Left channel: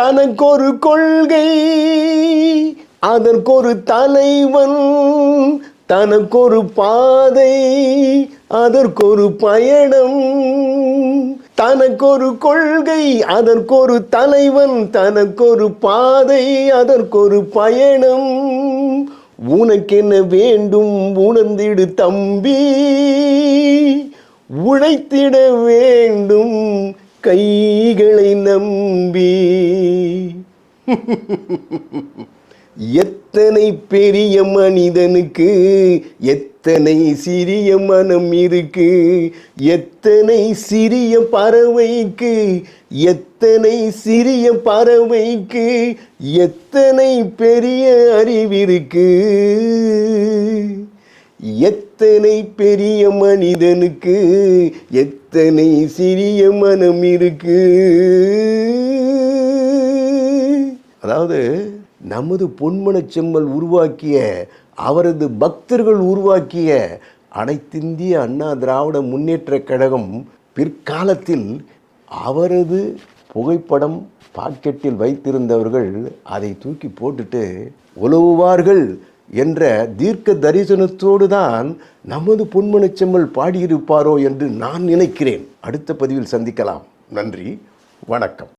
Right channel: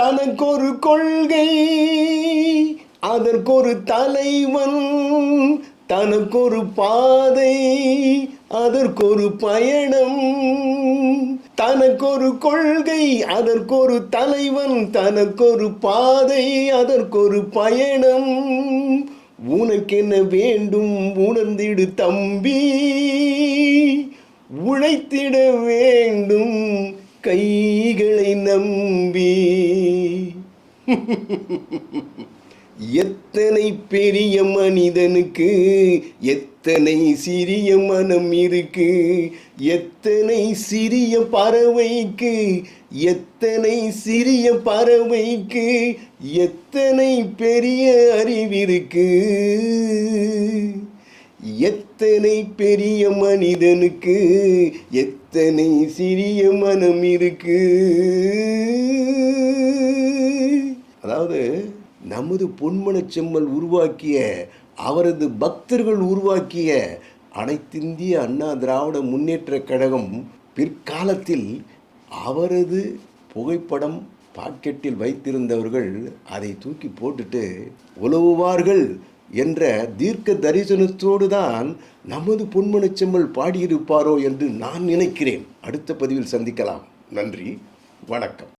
தனக்கொரு கொள்கை அதற்கொரு தலைவன் தனக்கொரு பாதை அதற்கொரு பயணம். தனக்கொரு கொள்கை அதற்கொரு தலைவன் தனக்கொரு பாதை அதற்கொரு பயணம். உனக்கென்ன வேண்டும் உணர்ந்திடு தம்பி. உழைத்திட வேண்டும் கைகளை நம்பி. எத்தனை பெரிய மனிதனுக்கு எத்தனை சிறிய மனம் இருக்கு எத்தனை சிறிய பறவைக்கு எத்தனை சிறிய பறவைக்கு எத்தனை பெரிய அறிவிருக்கு. எத்தனை பெரிய மனிதனுக்கு எத்தனை சிறிய மனம் இருக்கு? அதாவது நமது பொன்மனச் செம்மல் உருவாக்கிய அவரது பக்தர்கள் உருவாக்கிய அனைத்திந்திய அண்ணா திராவிட முன்னேற்றக் கழகம் பிற்காலத்தில் அவரது புகைப்படம் பாக்கெட்டில் வைத்திருந்தவர்கள் அதை தூக்கி போட்டுட்டு உலவுவார்கள் என்ற தீர்க்க தரிசனத்தோடு தான் நமது பொன்மனச் செம்மல் பாடியிருப்பாரோ என்று நான் நினைக்கிறேன். அடுத்த பதிவில் சந்திக்கலாம். நன்றி. வணக்கம்.